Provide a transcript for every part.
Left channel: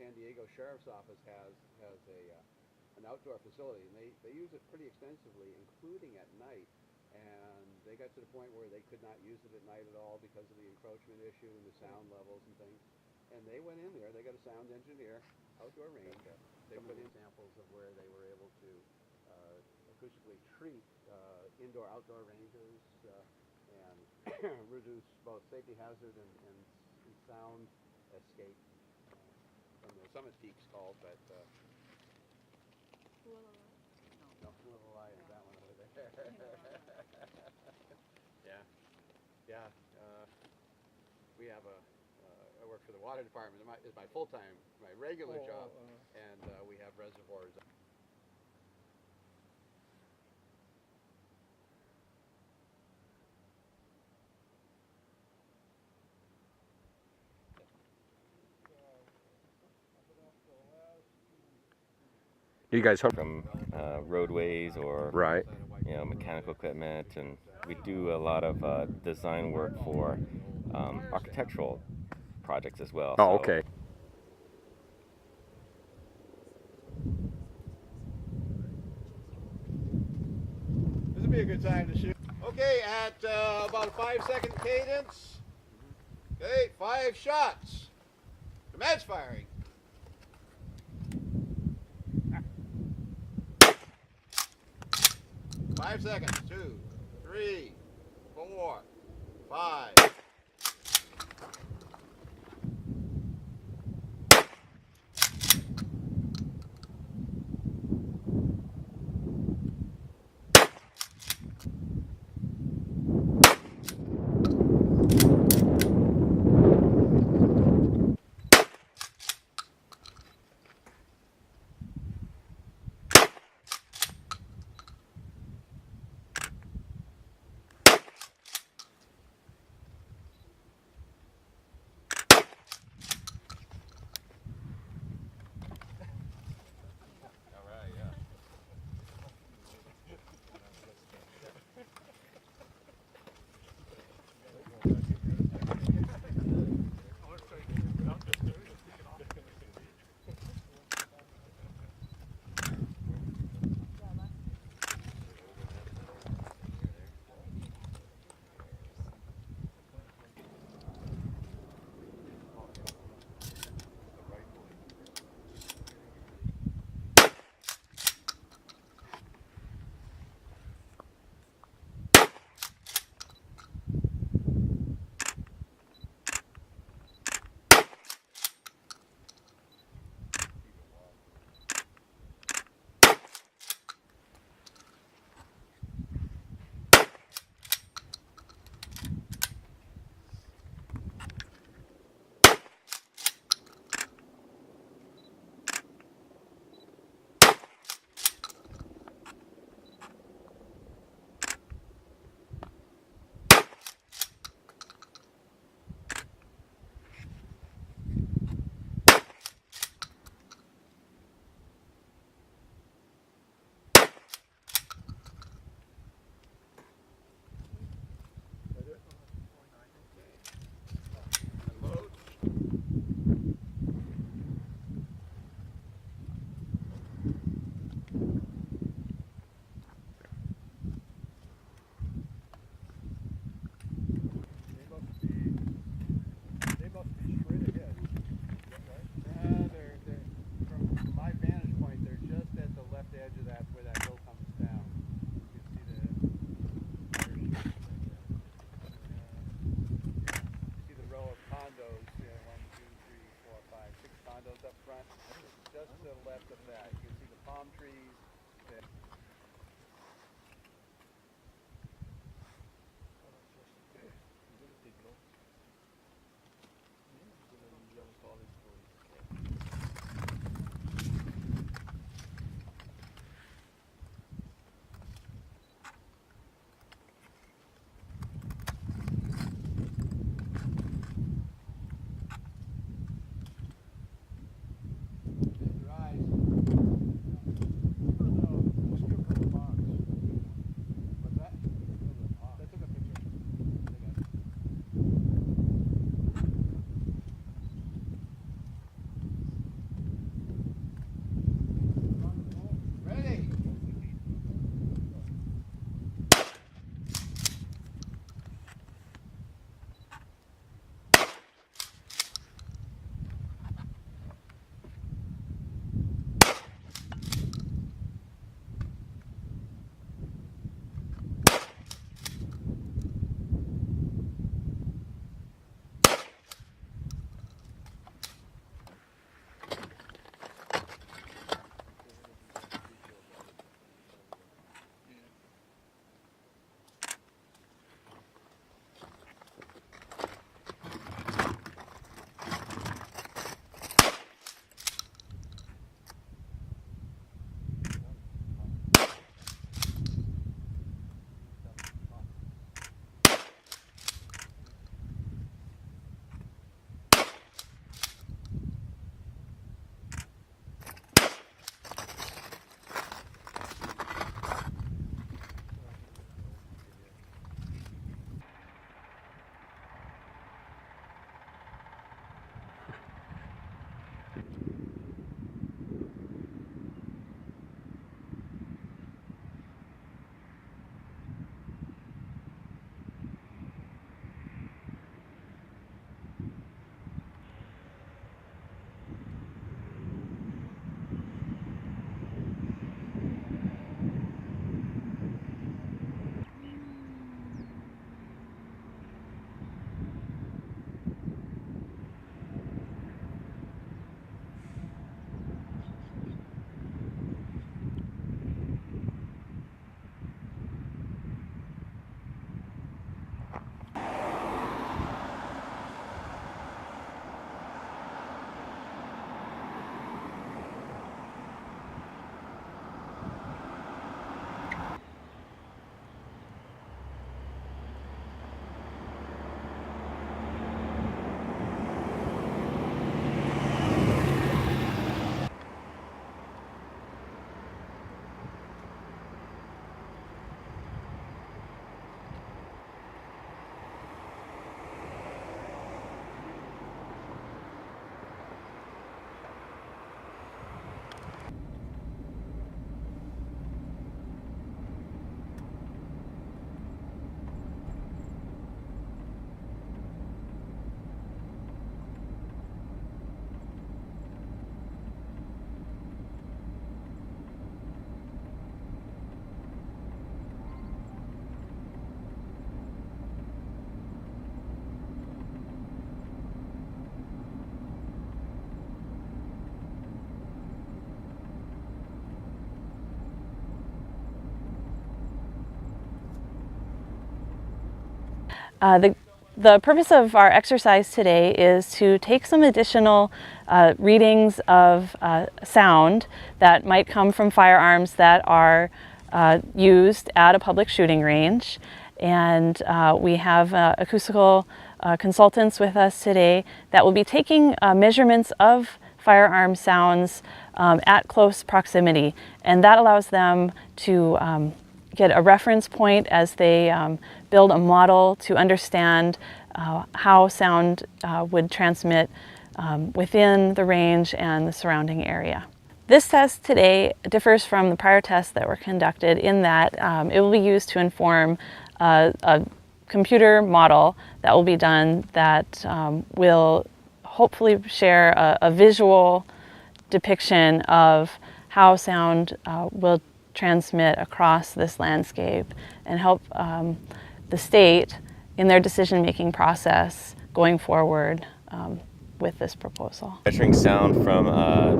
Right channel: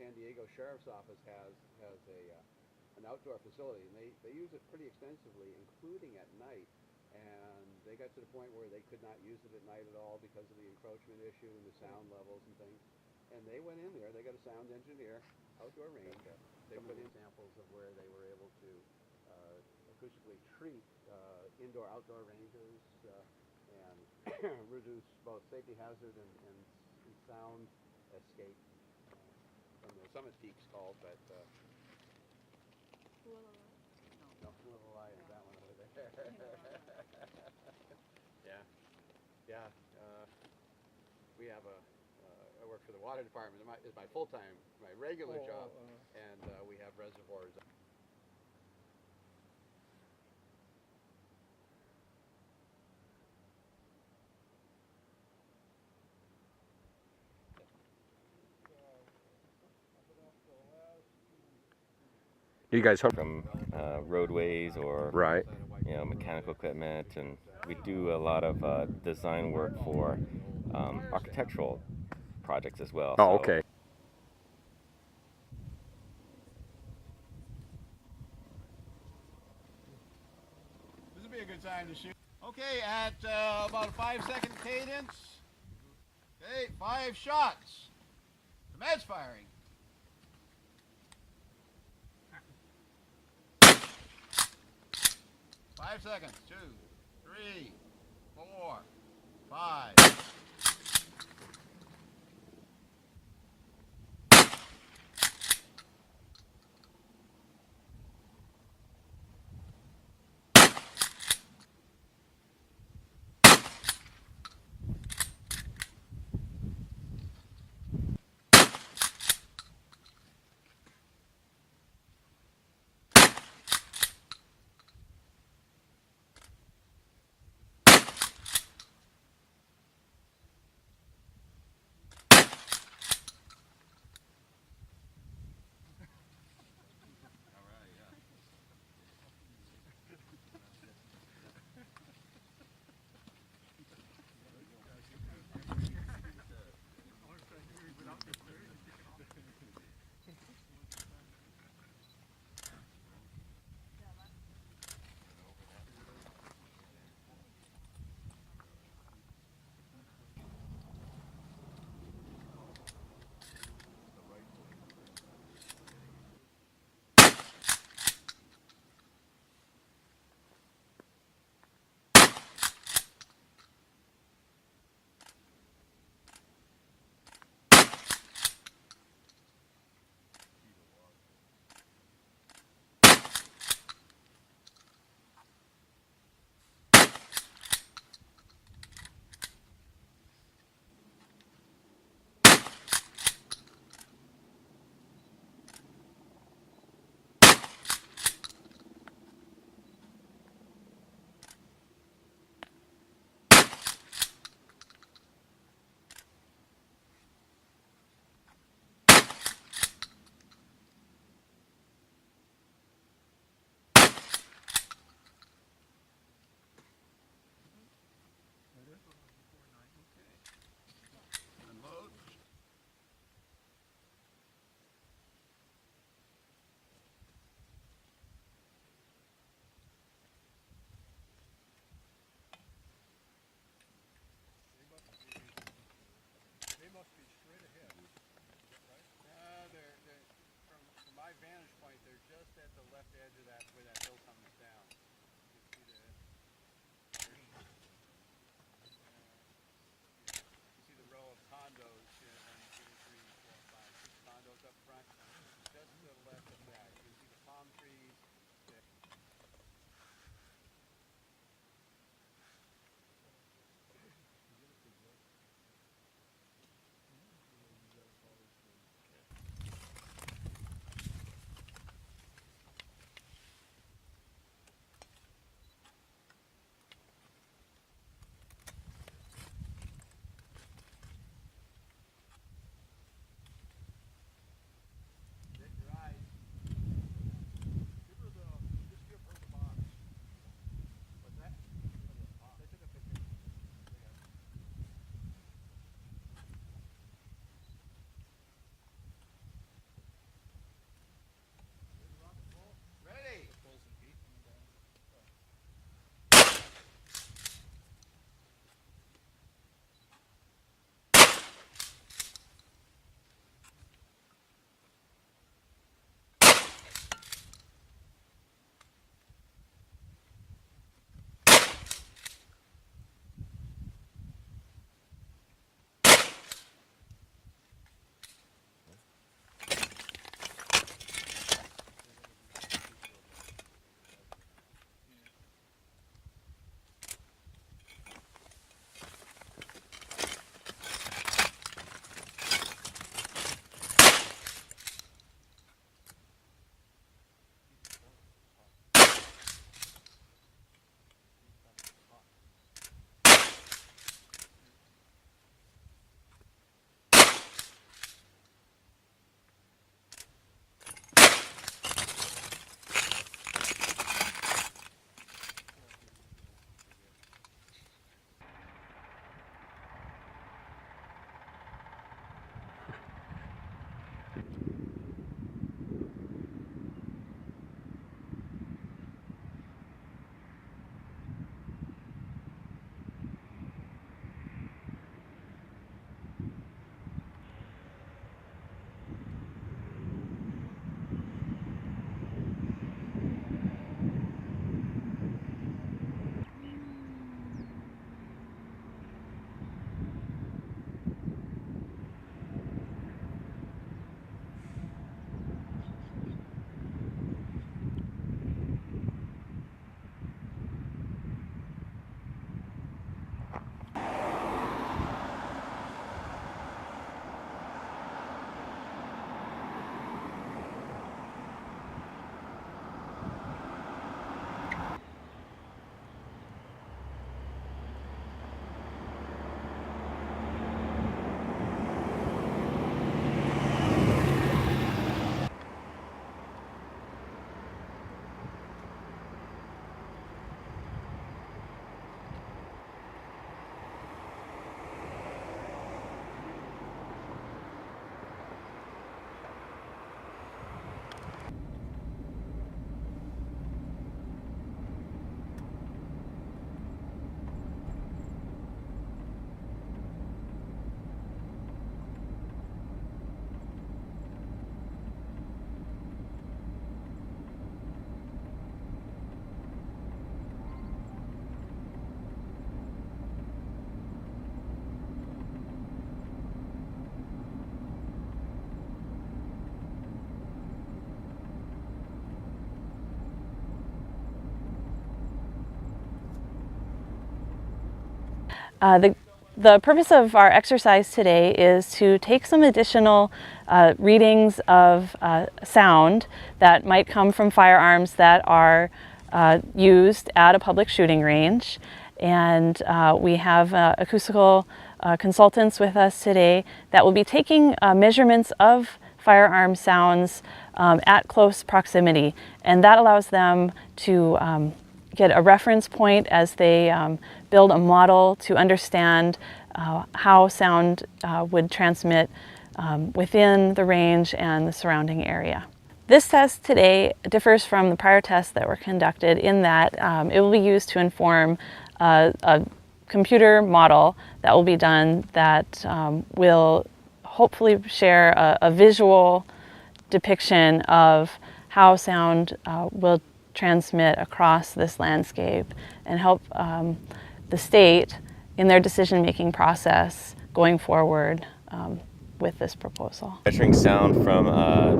San Diego Sheriff's Office has an outdoor facility, and they use it pretty extensively, including at night. And they got to the point where they could not use it at night at all because of the encroachment issue and the sound levels and things. And they went in there. They got a sound engineer, outdoor range. They put in samples of where they were able to acoustically treat indoor-outdoor ranges and reduce both safety hazard and sound escape from the summit peaks called, but no, Puʻu is that one over there. Yeah, yeah. We have I work for the water department. It's my full-time, my regular job, and we have reservoirs. You guys hope from roadways or right. Mechanical equipment, and we do a lot of design work for architectural projects as well. Oh, okay. This would be a good time to shoot. Okay, at about a 5-second cadence. Okay, 5 shots. Commence firing. 5 seconds. 2, 3, 4, 5. The purpose of our exercise today is to take some additional readings of sound that might come from firearms that are used at a public shooting range. And we have acoustical consultants with us today that will be taking measurements of firearm sounds at close proximity. And that allows them to get a reference point as they build a model to understand how sound would transmit within the range and the surrounding area. This test today differs from the prior tests that were conducted in that it will be used to inform a computer model that will be done that will hopefully share a visual depiction of how sound will transmit across this landscape and help the state in their decision-making process going forward with this proposal. Measuring sound from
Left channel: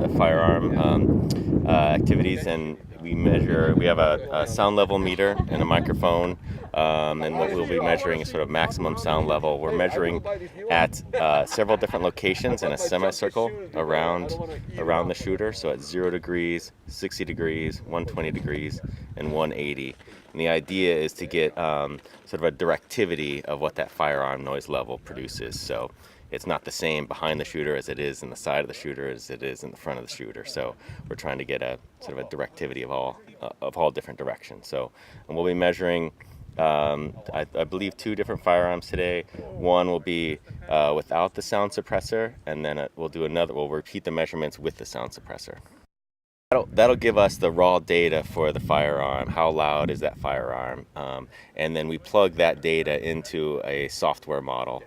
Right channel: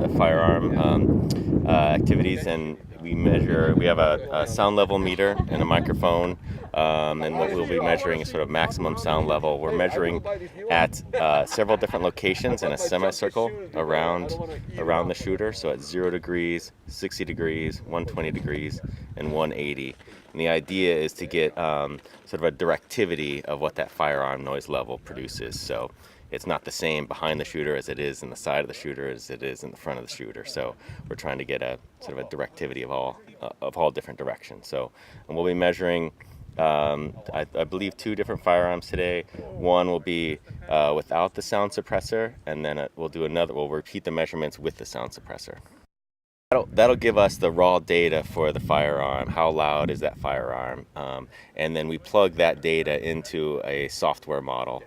the firearm activities, and we have a sound level meter and a microphone, and what we'll be measuring is sort of maximum sound level. We're measuring at several different locations in a semicircle around the shooter, so at 0 degrees, 60 degrees, 120 degrees, and 180. And the idea is to get sort of a directivity of what that firearm noise level produces. So it's not the same behind the shooter as it is in the side of the shooter as it is in the front of the shooter. So we're trying to get a sort of a directivity of all different directions. So, and we'll be measuring, I believe, 2 different firearms today. One will be without the sound suppressor, and then we'll repeat the measurements with the sound suppressor. That'll give us the raw data for the firearm. How loud is that firearm? And then we plug that data into a software model,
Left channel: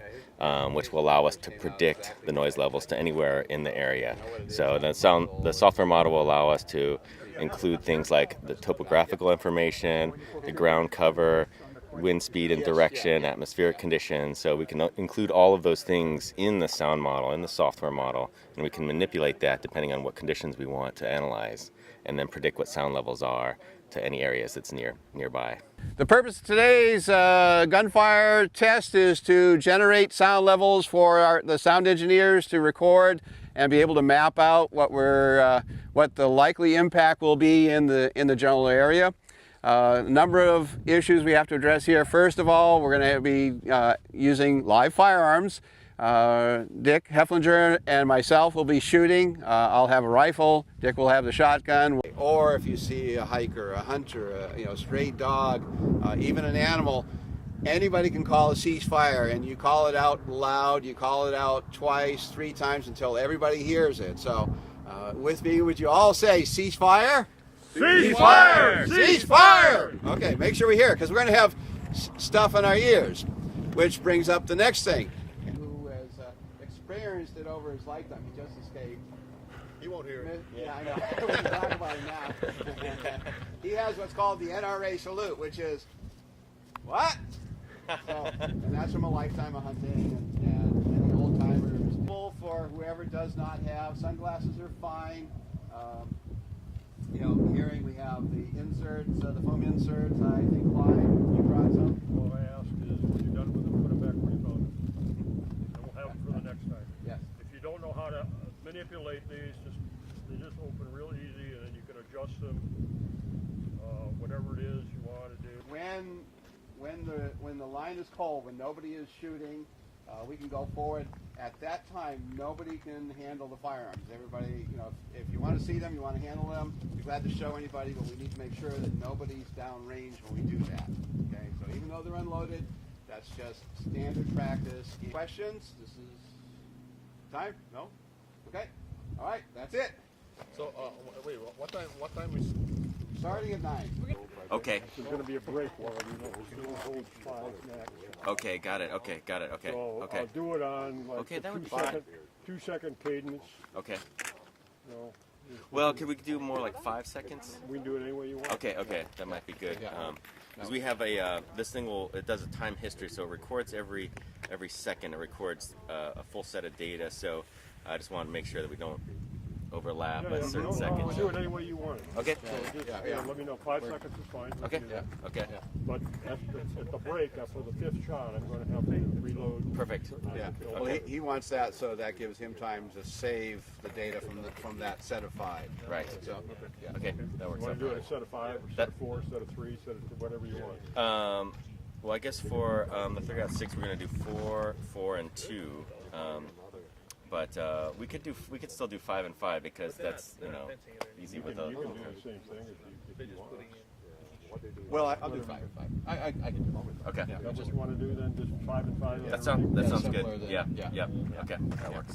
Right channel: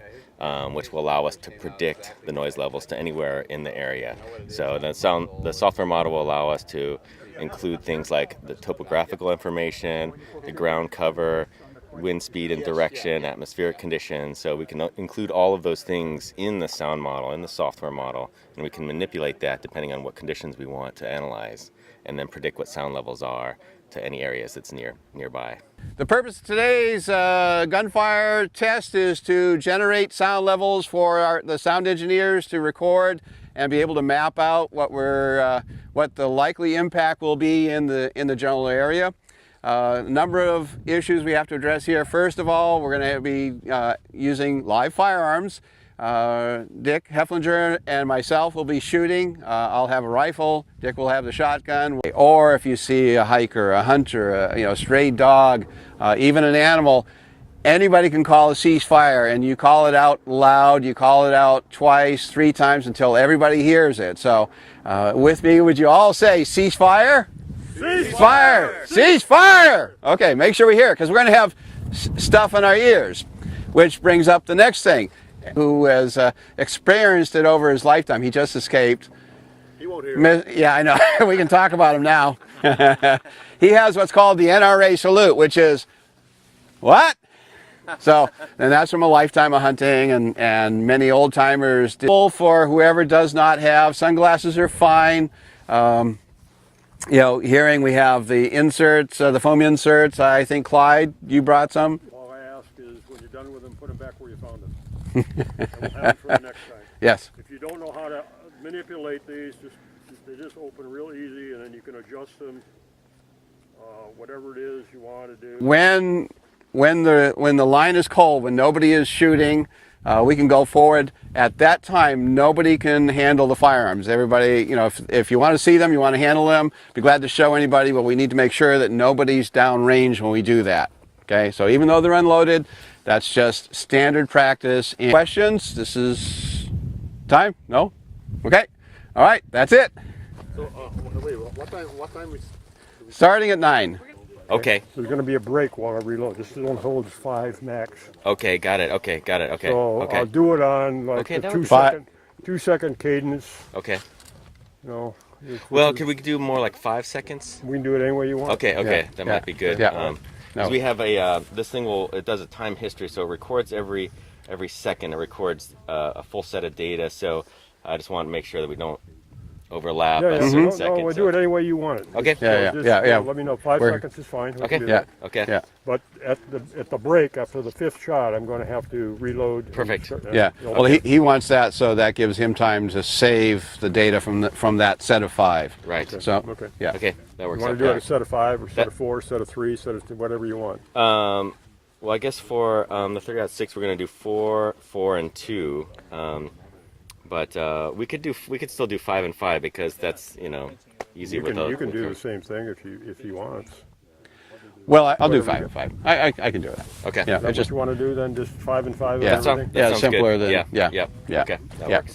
which will allow us to predict the noise levels to anywhere in the area. So the software model will allow us to include things like the topographical information, the ground cover, wind speed and direction, atmospheric conditions. So we can include all of those things in the sound model, in the software model, and we can manipulate that depending on what conditions we want to analyze, and then predict what sound levels are to any areas that's nearby. The purpose of today's gunfire test is to generate sound levels for the sound engineers to record and be able to map out what the likely impact will be in the general area. A number of issues we have to address here. First of all, we're going to be using live firearms. Dick Hefflinger and myself will be shooting. I'll have a rifle, Dick will have the shotgun. Or if you see a hiker, a hunter, a stray dog, even an animal, anybody can call a ceasefire, and you call it out loud, you call it out twice, 3 times until everybody hears it. So with me, would you all say ceasefire? Ceasefire! Ceasefire! Okay, make sure we hear it, because we're going to have stuff in our ears, which brings up the next thing. Who has experienced it over his lifetime. He just escaped. He won't hear it. Yeah, I know. We can talk about him now. He has what's called the NRA salute, which is, what? So, and that's from a lifetime of hunting, and many old timers. For whoever does not have, sunglasses are fine. Hearing, we have the inserts, the foam inserts. I think, Clyde, you brought some? All I ask is when you're done with them, put them back where you found them. And we'll have it for the next time. Yes. If you don't know how to manipulate these, they just open real easy, and then you can adjust them, whatever it is you want to do. When the line is cold, when nobody is shooting, we can go forward. At that time, nobody can handle the firearms. Everybody, if you want to see them, you want to handle them, be glad to show anybody, but we need to make sure that nobody's downrange when we do that. Okay, so even though they're unloaded, that's just standard practice. And questions? This is time? No? Okay. All right, that's it. So, wait, what time is... Starting at 9. Okay. There's going to be a break while I reload. This one holds 5 max. Okay, got it. Okay. So okay. I'll do it on like Okay, the that would 2-second cadence. Okay. Well, could we do more like 5 seconds? we can do it any way you want. Okay. Yeah, That yeah, might be good. yeah. Because we have this thing it does a time history, so it records every second. It records a full set of data. So I just want to make sure that we don't overlap Yeah, a yeah. certain No, second. we'll do it any way you want it. Okay. Yeah, Just, yeah. Let me know. 5 We're- seconds is fine. We Okay. can do Yeah. that. Okay. Yeah. But at the break, after the 5th shot, I'm going to have to reload. and Perfect. start- Yeah. you'll- Well, he wants that, so that gives him time to save the data from that set of 5. Right. So, Okay. yeah. Okay, that You works want out. to do it a set of 5 or set That- of 4, set of 3, set of whatever you want. Well, I guess for the 3.6, we're going to do 4, 4, and 2. But we could still do 5 and 5 because that's easy You with can do the same thing if you want. Well, I'll do Whatever 5 and 5. I can do that. Okay. Yeah. Is that Just what you want to do then? Just 5 and 5. Yeah. and That everything? sounds simpler good. than Yeah. yeah. Yep. Yeah. Okay, that Yeah. works.